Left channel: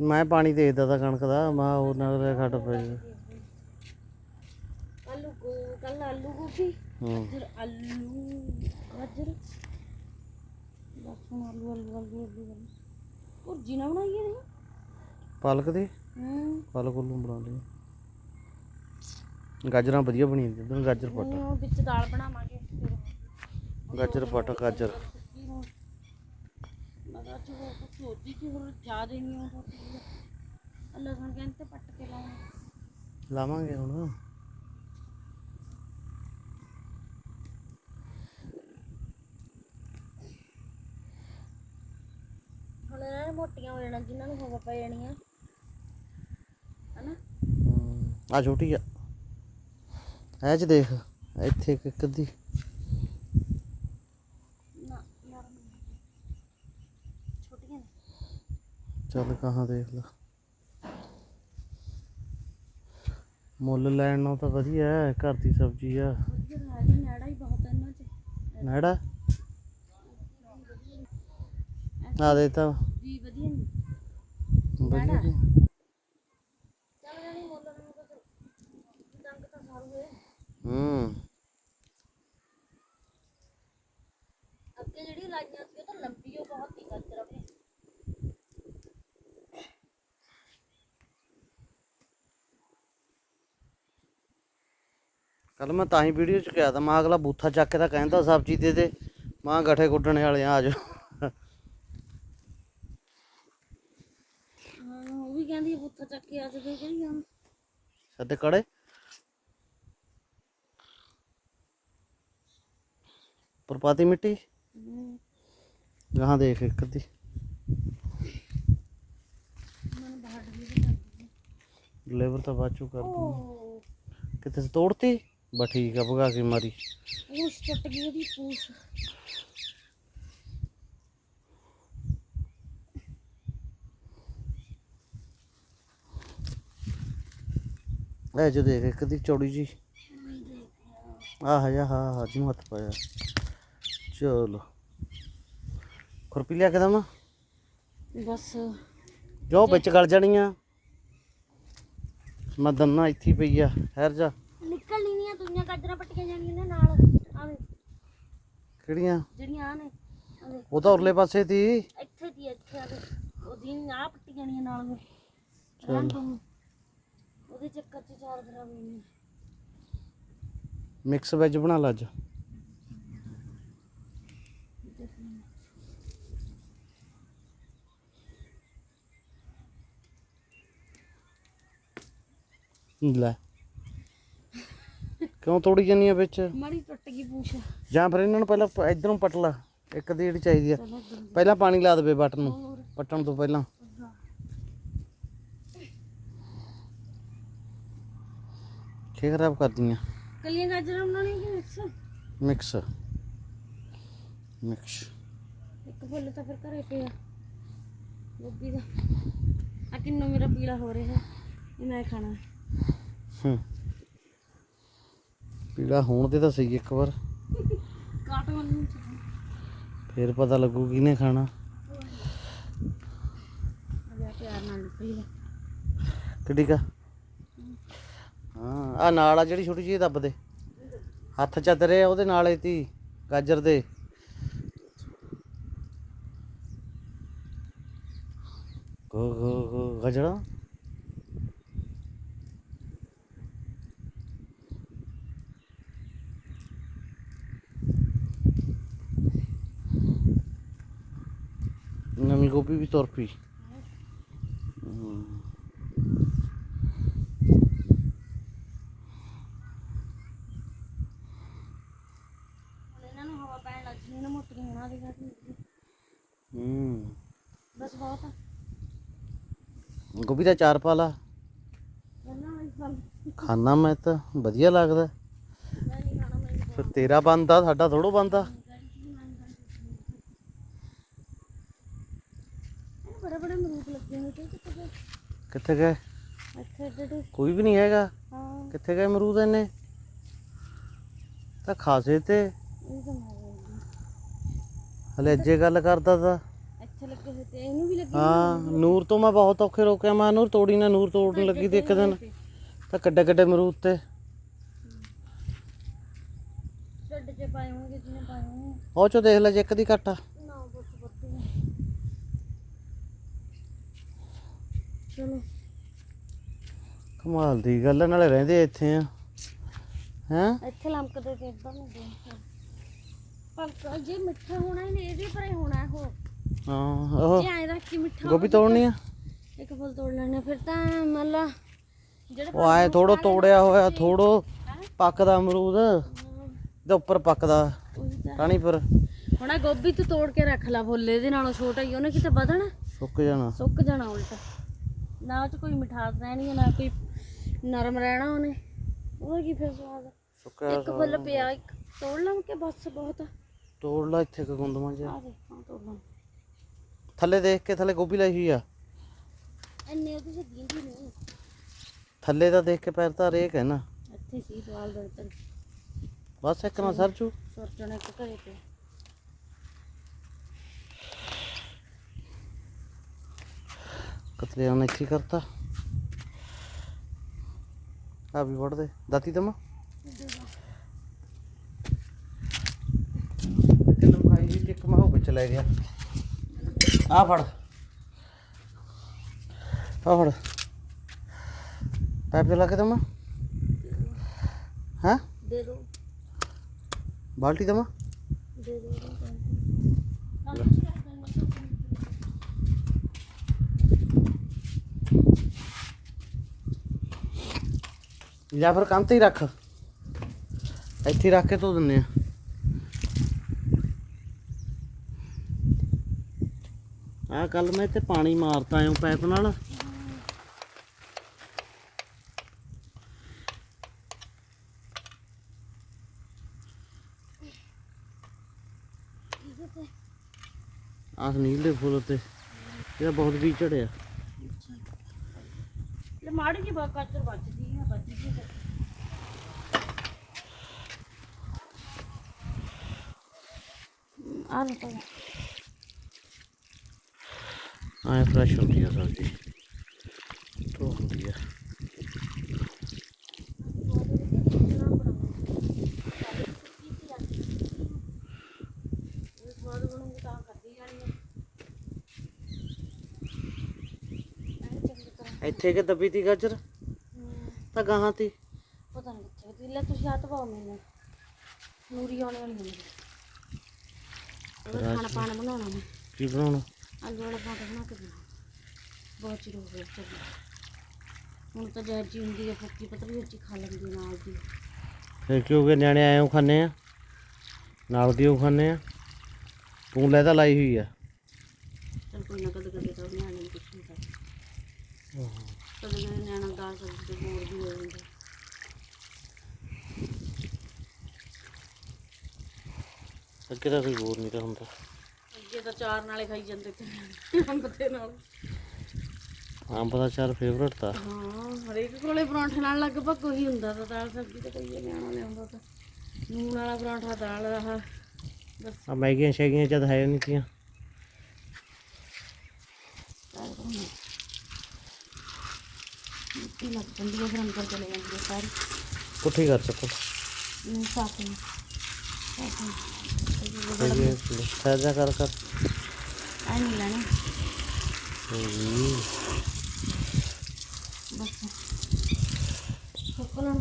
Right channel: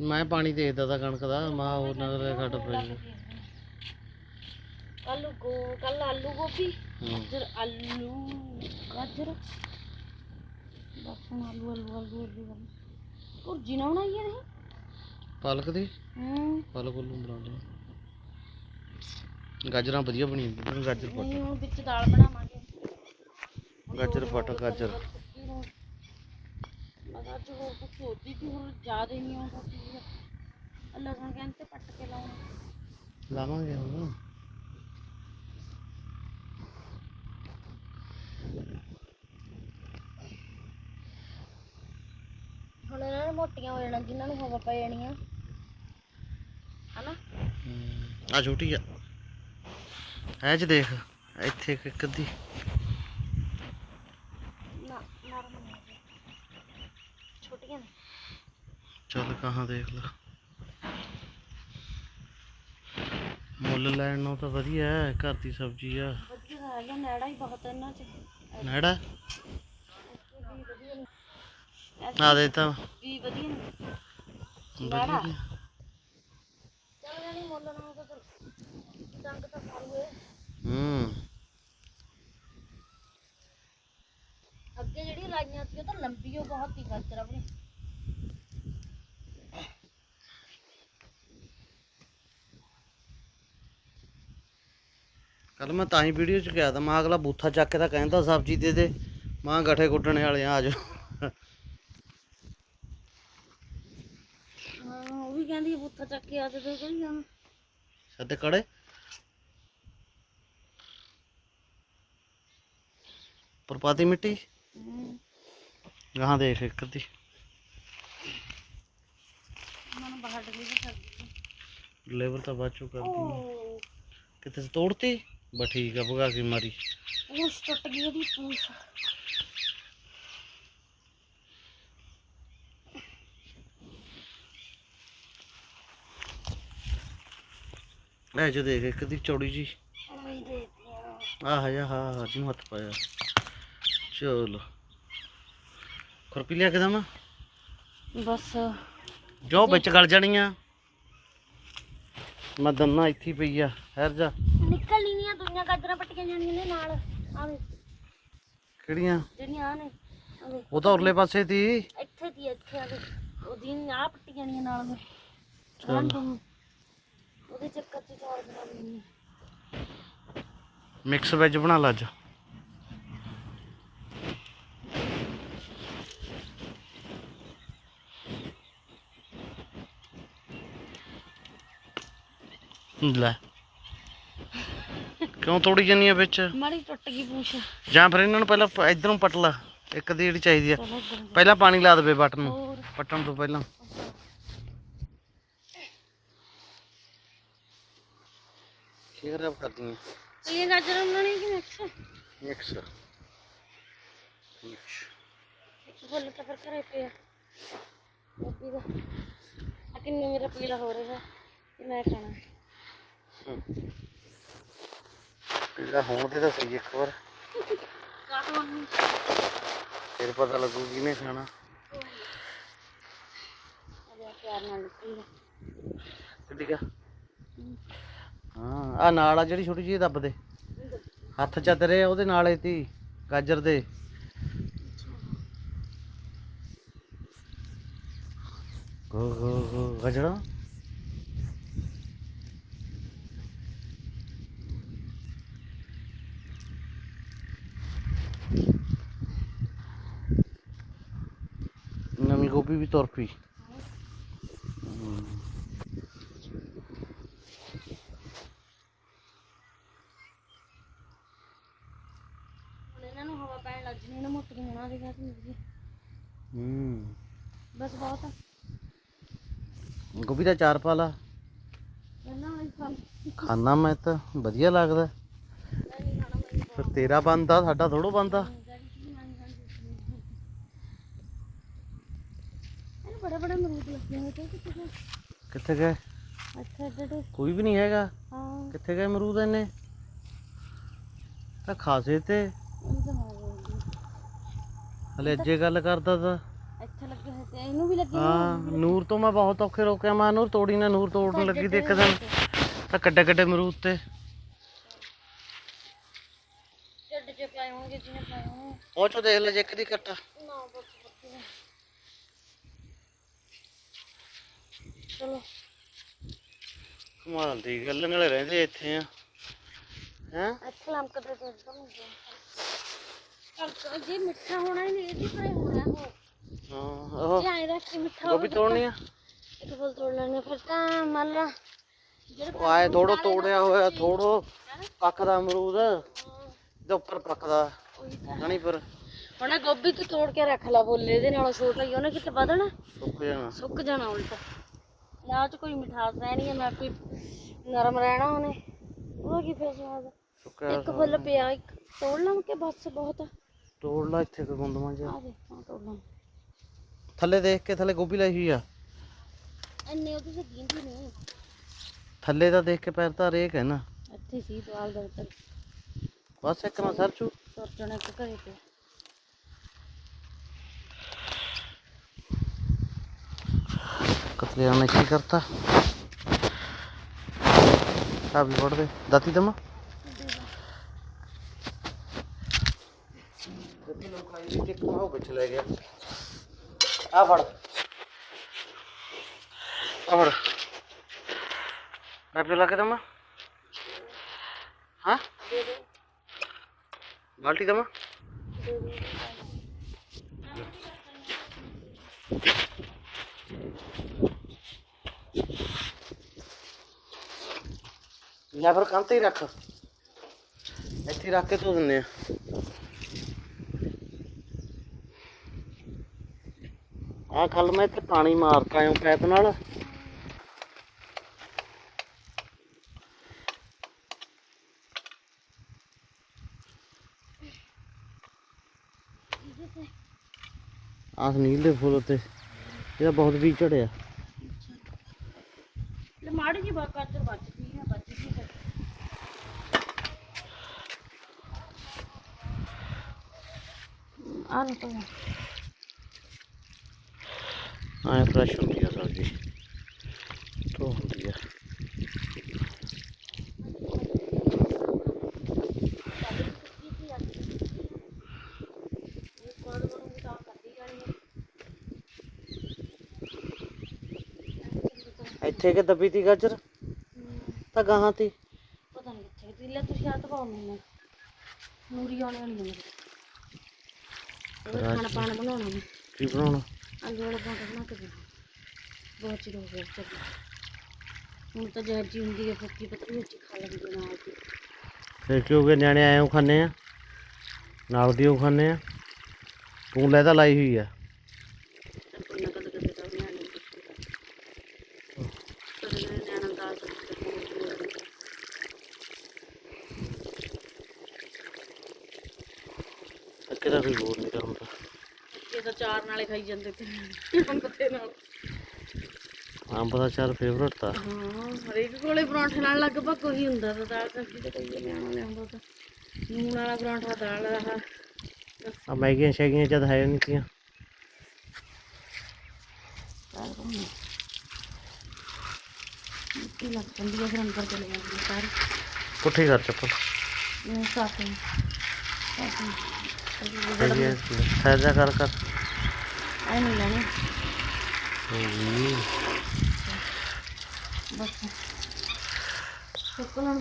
ਮੈਂ ਪਾਣੀ ਦੇਖਦਾ ਤਾਂ ਕਣਕ ਦਾ ਮੈਂ ਹੋਰ ਨਾ ਕਰੇ ਖੱਡ ਪਈ ਆਲੂ ਗੋ ਕੱਲ ਆਲੂ ਗੋਭੀ ਹੂੰ। ਗਾਜਰ ਆਲੂ ਗਾਜਰ। ਬਸ ਹੁਣ ਆਲੂ ਆਲੂ ਆਲੂ ਆਲੂ ਆਲੂ। ਭੁਰਜੀ ਨਾ ਬਣਾਈਏ ਨੇ ਪਾਲਕ ਦੀ? ਹੂੰ। ਪਾਲਕ ਨੂੰ ਬਣਾਉਂਦੇ ਗਾਜਰਾਂ ਵਧੀਆ ਬਣੀ ਜਾਂਦੀਆਂ ਗਾਜਰ ਪੱਟ। ਨਹੀਂ ਹੁਣ ਵਿੱਚ ਦਾਲ ਬਣਾਵਾਂਗੇ। ਗਾਜਰ ਪੱਟ ਗਾਜਰ। ਮੈਂ ਤਾਂ ਅੱਜ ਹੋਰ ਕੁਝ ਸੋਚਦੀ ਸੀ ਹੁਣ ਯਾਦ ਹੀ ਨਹੀਂ ਆਉਂਦਾ ਸੀ ਅੱਲਾ ਸੁਣ ਕਹਿੰਦੇ ਤੇ ਪੱਟ ਕੇ ਲਾਉਣਾ ਲਾਵਾਂਗੇ ਹੁਣ। ਹੁਣ ਇਹਨਾਂ ਨੇ ਮੋਟੀਆਂ ਹੋ ਜਾਣਾ ਜਿਨ੍ਹਾਂ ਨੂੰ ਹਵਾ ਪੈ ਜਾਣੀ ਆ। ਹਨਾ? ਆ ਛੋਟੀ ਆ। ਐ ਚ ਦੇਖ ਇੱਥੇ ਇੱਕ ਇੱਕ ਅੱਧੀ ਨਾ ਨਰਮ ਨਹੀਂ ਹੈਗੇ। ਛੋਟੀਆਂ ਨੇ ਚੱਲ ਕਹਾਂ ਦੇਖ ਲੈ। ਮੁੱਲ ਲੈਣ ਨਾਲ ਤਾਂ ਵਧੀਆ ਹੈ ਘਰ ਦੀ ਸਬਜ਼ੀ ਆ। ਵਧੀਆ ਹੈਗਾ ਨੈੜਾ ਹੀ ਬਹੁਤ ਆ ਇਹਨਾਂ ਚ। ਨੇੜਾ? ਆ ਦੇ ਤਾਂ। ਵੀ ਵਧੀਆ ਨੇ। ਵਧੀਆ। ਜੀ। ਚੱਲ ਜਾਣੀ ਮੁੱਲ ਨਾ ਤਾਂ ਦੰਦ ਤਾਂ ਸਾਰੇ ਹੋਏ ਹੂੰ। ਅੱਗੇ ਜਿਹੜੀ ਲਾਈਆਂ ਸੀ ਉਹ ਤਾਂ ਲੰਬੀ ਉਹ ਬਹੁਤ ਹੀ ਗਾਜਰ ਆਪਣੀ ਕੱਲ ਮੈਂ ਤਾਂ ਹੀ ਵੀਡੀਓ ਚ ਕਿਹਾ ਤਾਂ ਮਾਂ ਅਗਲਾ ਬੂਥਾ ਚੱਕ ਕੇ ਤਾਂ ਕਹਿੰਦਾ ਸਬਜ਼ੀ ਦੇ ਦੇ। ਮਾਂ ਗੱਠੇ ਕੁੱਟਣੇ ਵਾਲੇ ਆ ਆਜੋ ਹਾਂ ਉਹ ਵੀ ਕਹਿੰਦੀ ਆ, ਬੁੱਥਾ ਚੱਕ ਕੇ ਆ ਤੇ ਦੇ ਕਹੀ ਜਾਣਾ। ਸਾਡੇ ਕੜੇ ਪਰਪਾਤੀ ਮਿੱਟੀ? ਗਾਹਾਂ ਦੇਖ ਇੱਕ ਅੱਧੀ। ਮਨ ਬਾਹਰ ਡਲੀ ਵੀ ਕਰਦੀ ਡਿਲੀਵਰ ਤਾਂ ਬਾਅਦ ਚੋਂ ਕਰਦੀ ਉਹ ਕਿਤੇ ਤੋੜਤੀ? ਬਸ ਠੀਕ ਆ ਭਗਾ ਕੇ ਮਾਰੀ। ਉਹ ਟੁੱਟ ਗਈ ਉਹਦੀ ਪੂਛ। ਐ ਜੋ ਦੇਖ ਇੱਕ ਅੱਧੀ ਚੌੜੀ ਜੀ ਦੇ ਆਹ ਜਾ ਹਾਂ ਹਾਂ ਜਿਹਨੂੰ ਹੱਥ ਪਾਇਆ। ਚਲੋ। ਖੁਰਪੀ ਲਿਆ ਕੇ ਦਵਾਂ? ਬਸ। ਜੋ ਵਿੱਚ ਗਲ ਜਾਣੀਆਂ ਮੈਂ ਦੰਨਾ ਇੱਥੇ ਪਈ ਆ ਹਰ ਜਾ। ਨਿਕਲ ਨਹੀਂ ਦੁਨੀਆ ਗਾਜਰਾਂ ਪੱਟੀਆਂ ਜਾਣੀਆਂ ਨੇ ਨਾਲ। ਆਵੇ। ਕਿਹੜੀਆਂ? ਜਿਹੜੀਆਂ ਆ ਨੇ ਆਵੇ। ਉਹ ਤਾਂ ਉਰਲੇ ਪਾਸੇ ਤੀ ਇੱਥੇ ਦੀ ਇੱਥੇ ਆਵੇ ਉਹਦੀ ਆ ਪੱਟੀ ਜਾਣੀਆਂ ਨਾਲ ਦੇ। ਚੱਲ। ਉਹਦੇ ਚੱਕਰ ਚ ਚਾਰ ਬਣਾ ਲੈਣੀ ਮਿਕਸ ਵੈਜ ਬਣਾ ਲਾ ਅੱਜ। ਲੈ। ਕਿਉਂ ਤੋੜੀ ਜਾਨੀ ਆ ਵਿੱਚ? ਮਾੜੀ ਟੁੱਟ ਗਈ ਪੂਛ। ਜਾਂ ਫਿਰ ਇਹਨਾਂ ਨੂੰ ਪਹਿਲਾਂ ਪ- ਇੱਧਰੋਂ ਪਟ ਲਾ ਇੱਕ ਦੀ ਜਿਹੜੀ ਚਾਹੀਦੀ ਆ। ਪਹਿਲਾਂ ਪਾਣੀ ਲਾ ਦੇਵੇ ਬਟਨ ਨੂੰ। ਪੱਟਣ ਤੋਂ ਪਹਿਲਾਂ। ਕੀ ਖਰਾਬ ਕਰਦੀਆਂ ਕਲੀਆਂ ਗਾਜਰਾਂ ਬਣਾਉਣੀ ਕਿ ਮਿਕਸ? ਮਿਕਸ। ਮਿਕਸ। ਇੱਕ ਫੁੱਲ ਤਾਂ ਫਿਰ ਘਰੇ ਪਿਆ। ਗੋਭੀ ਦਾ। ਆ ਕਿੰਨੂ ਮੇਰਾ ਪੀਲਾ ਹੋ ਰਿਹਾ। ਇਹ ਮੈਂ ਖਾਣਾ। ਹੂੰ। ਪੀਲਾ ਹੋਣ ਤੇ ਤਾਂ ਸਹੀ ਇੱਕ ਵਾਰ। ਫਿਰ ਪਤਾ ਲੱਗੂ ਕਿਹਨੇ ਖਾਣਾ। ਨਾਲ ਕਿੱਡੀ ਕਾ? ਹਾਂ ਆ ਨਾਲ ਆ ਜਿਹੜੀ ਛੋਟੀ ਜਿਹੀ ਦੱਬ ਦੇ। ਹੱਥ ਚੱਦਰੇ ਆ ਉਹਦੇ ਨਾਲ ਹੀ ਤੀ, ਗਾਜਰ ਦੇ। ਗੋ ਗੋ ਗੋ ਗਜੜਾ ਨਵੀਂ ਗੋਭੀ ਵੀ ਤੁਰ ਪਈ ਹਮ। ਹੁਣ ਇਹਨਾਂ ਨੂੰ ਹਵਾ ਪੈਣ ਲੱਗ ਜਣੀ ਨਾ ਮੋਟੀਆਂ ਹੋਣਾ ਹੂੰ। ਬਸ ਬਹੁਤ। ਆ ਗੋਭੀ ਦਾ ਚਾਰ ਪਾ ਲਾ ਪਹਿਲਾਂ ਵਾਲੀ ਫਲ ਖਾਣਾ ਮੈਂ ਤਾਂ ਵਧੀਆ ਲੱਗਦਾ। ਫਿਰ ਤੇਰਾ ਬੰਦਾ ਸਾਡਾ ਥੋੜੋ ਬੰਦਾ ਇਹ ਬੜੇ ਬੜੇ ਅਮਰੂਦ ਲੱਗੇ ਹੋਏ ਤੇ ਕਿੱਥੇ ਗਏ? ਅੱਛਾ ਕੋਈ ਵੀ ਨਹੀਂ ਹੈਗਾ? ਹਾਂ। ਕਿੱਥੇ ਗਏ ਅਮਰੂਦ ਇਹਨੇ ਤਾਂ ਖਾਸੇ ਤੇ। ਹਲੇ ਅੱਜੇ ਗੱਲ ਕਰਦਾ ਤਾ। ਇੱਥੇ ਲੱਗੇ ਹੋਏ ਤੇ ਇਹਨੂੰ ਵੀ ਲੱਗੇ ਹਾਂ ਨੂਰ ਤੋਂ ਮੈਂ ਬਹੁਤ ਔਖੇ ਰੋਕਿਆ। ਮੈਂ ਨੂਰ ਤੋੜੀ ਨਾ ਨੂਰ ਤੋੜਨ ਲੱਗੀ ਤੇ ਇੱਕ ਦਿਨ। ਤਾਂ ਕੱਡੇ ਕੱਡੇ ਅਮਰੂਦ ਤੇ। ਛੱਡ ਚ ਪਾਏ ਹੋਣਗੇ ਜਿਹਨੇ ਪਾਏ ਹੋਣਗੇ। ਉਹ ਚੋ ਦੇਖ ਲੈ ਜੇ ਇੱਕ ਦੀ ਘਟਾ ਨਾ ਬਸ ਬੱਤੀ ਚਲੋ। ਕਮਾਲ ਦੀ ਗੱਲ ਆ, ਨਾਲੇ ਰਹਿੰਦੇ ਇੱਥੇ ਆ। ਹੈ? ਇੱਥੇ ਲੰਕਦੇ ਤੇ ਇੱਧਰ ਨੂੰ ਗਏ। ਪਰ ਜੇ ਮਿੱਠਾ ਹੋਣਾ ਹੀ ਨਹੀਂ ਇਹਦੀ ਪਰੇ ਹੋਣਾ ਉਹ। ਹਾਂ ਉਹ ਜੇ ਐਂ ਰੱਖ ਕੇ ਮਿੱਠਾ ਗੋਭੀ ਤੋੜਨੀ ਆ? ਇੱਕ ਫਲ ਤੋੜ ਲੈਣੇ ਫਿਰ ਤਾਂ ਮੰਨ ਲਾ ਜਿਹੜਾ ਉਹ ਆਏ ਥੋੜੋ ਤੋੜਿਆ ਹੋਇਆ ਥੋੜੋ ਪੱਕਦਾ ਅਮਰੂਦ ਦੇ ਉੱਪਰ ਪੱਕਦਾ ਉਹੀ ਤਾਂ। ਪਰ ਹੁਣ ਆਹ ਗੋਭੀ ਤੂੰ ਤੋੜ ਕੇ ਰੱਖ ਲਾ ਬੋਲੇ ਇਹਦੇ ਨਾਲੋਂ ਛੋਟਾ ਹੀ ਉਹਨੇ ਕਿਤੇ ਵਧਣਾ? ਸੁੱਕ ਜਾਣਾ। ਸੁੱਕ ਜਾਣਾ ਉਲਟਾ। ਨਾ ਉਹ ਚ ਕੋਈ ਮਿਠਾਸ ਰਹਿਣੀ ਹੈ ਨਾ ਕੋਈ ਨਰਮ ਰਹਿਣਾ ਉਹਨੇ। ਉਹਦਾ ਕੀ ਫਿਰ ਸਵਾਦ ਆ? ਸੁੱਕਿਆ ਇੱਕ ਫੁੱਲ ਪਿਆ ਇੱਕ ਤੋੜ ਲਾਂ ਕਿ ਬਸ ਬਹੁਤ ਆ? ਤੋੜ ਲਾ ਇੱਥੇ ਕੋ ਗੁੰਦਮਾਂ ਚ ਆ ਦੇ ਹਾਂ ਤੋੜ ਲਾਂ। ਥੱਲੇ ਦੇਖ ਕੇ ਥੱਲੇ ਗੋਭੀ ਲਾਈ ਹੋਈ ਆ। ਅੰਨੇ ਉਹਦੇ ਸੇ ਦੀਂਦੀ ਨਹੀਂ। ਥੱਲੇ ਤਾਂ ਦੇਖ ਕੇ ਪੈਰ ਤਾਂ ਰੇਕ ਹੈ ਨਾ। ਇੱਥੇ ਸੀ ਦਵਾਲ ਦੇ ਉੱਤੇ। ਬਸ ਇੱਕ ਨਾ ਸਰਚੂ। ਸਰਚਣਾ ਇੱਕ ਘਰੇ ਤੇ ਕਤਲਿਆਂ ਨੇ ਕੀ ਕਰਤਾ? ਆ ਵੀ ਵੜ ਦੇ ਦਾਤੀ ਦਮਾ? ਕਿਲੋ ਖਾਈ ਵੀ ਇੱਕ ਮਾਹ ਵਿੱਚ ਲੈ ਗਿਆ। ਆ ਫੜ। ਆ ਫੜ। ਪੈਪ ਚਲਾ ਕੇ ਦਮਾ ਹਾਂ ਦੇ ਦੇ ਬਾਲਟੀ ਦਮਾ ਦੇ ਦੇ ਜਾਂ ਫਿਰ ਕੰਨ ਤੇ ਹੀ ਰੱਖ। ਇੱਥੇ ਰੱਖ ਕੇ ਧੋ ਦਿੰਨੇ ਆ। ਆ ਕੱਲ ਮੈਂ ਇੱਥੇ ਪਾਣੀ ਮਾਰਤਾ ਆਇਆ ਪੈਪ ਨਾਲ। ਇਹਦੇ ਤੇ ਦੇ ਫੁੱਲ ਉੱਤੇ, ਇਹਦਾ ਬਹੁਤ ਵੀ ਝੜਿਆ ਲੈ ਮਾੜੀ ਜੀ ਬਾਤ ਕਰ ਬਚਦੀ ਆ ਬਚਦੀ ਆ ਆ ਲੋ ਐ ਫਰੈਸ਼ ਹੁੰਦੀ ਆ ਸਬਜ਼ੀ। ਧੋ ਹੁੰਦੀ ਆ। ਇੱਥੇ ਕਿ ਦੱਬੀ ਤੀ ਗਾਜਰ? ਤਾਂ ਗਾਹਾਂ ਤੀ। ਪਤਾ ਨਹੀਂ ਕਿੱਥੇ ਦੀ ਲੈ ਤੁਸੀਂ ਹੱਥ ਪਾਓ ਮੈਨੂੰ। ਮੂਰੀ ਆਉਣੀ ਉਹ ਖਾਣਾ ਪਾਣ ਬਣਾਉਣਾ ਮੈਂ? ਕੀ ਬਣਾਉਣਾ? ਆਲੂ ਵਾਲਾ ਪਰੌਂਠਾ ਬਣਾ ਕੇ ਦੇਣਾ। ਬਹੁਤ ਚਿਰ ਹੋ ਗਿਆ ਚੱਲੀ ਹੁਣ ਤਾਂ ਜਾਜੀ ਹੁੰਦੀ ਹੈ ਫੱਕੀ ਪਤਾ ਨਹੀਂ ਉੱਚੀ ਖਾ ਲੈਂਦੀ ਹੈ ਨਾਲ ਦੀ। ਫਿਰ ਕੀ ਹੋ ਗਿਆ ਨਿਆਣੇ ਆਏ ਉਹ ਖਾਣੇ ਆ? ਨਾਲ ਦੀ ਉਹ ਖਾਣੇ ਆ। ਤੂੰ ਲੈ ਤਾਂ ਲਾਈ ਹੋਈ ਆ। ਚੱਲ ਕੋਈ ਨਾ ਕਦੇ ਕਦੇ ਤਾਂ ਨਿਆਣੇ ਨੂੰ ਕੁਛ ਨਹੀਂ ਕਰਦਾ ਕਦੇ ਨਾ ਨਿਆਣਾ ਦਾਲ ਸਬਜ਼ੀ ਤੇ ਹੋਰ ਵੀ ਹੋ ਜਾਂਦਾ ਤਾਂ ਕੋਈ ਹੋਰ ਨਹੀਂ ਹੁੰਦਾ। ਅੱਗੇ ਤਾਂ ਚਾਰ ਨਾਲੇ ਖਾਈ ਜਾਂਦੇ ਤੇ ਅੰਬ ਤੇ ਨਾਲ। ਅੰਬ ਦਾ ਚਾਰ ਫੇਵਰਟ ਤਾਂ। ਹਾਂ ਹਰੇਕ ਕੋਲੇ ਪਰੌਂਠੇ ਨਾਲ ਲਗਭਗ ਉਹੀ ਹੁੰਦਾ ਤਾਂ ਦਾਲ ਸਬਜ਼ੀ ਤੇ ਕਈ ਨਿਆਣਾ ਲਿਆਉਂਦਾ ਤਾਂ। ਨੂਨ ਵਾਲਾ ਪਰੌਂਠਾ ਦਾਲ ਆਹ ਆ ਮੈਗੀਆਂ ਸ਼ੈਗੀਆਂ ਜਦ ਹੈ ਨਹੀਂ ਤੀਆਂ। ਮਿੱਟੀ ਲੱਗ ਜਾਂਦੀ ਹੈ ਫਿਰ ਅੰਦਰ ਚਲੇ ਜਾਂਦੀ ਹੈ ਸਾਰੀ। ਪੁੱਠੀ ਕਰ ਚੱਪਲ। ਸਾਫ਼ ਨਹੀਂ ਲੈਣਾ ਹੂੰ ਬਸ ਚੱਪਲਾਂ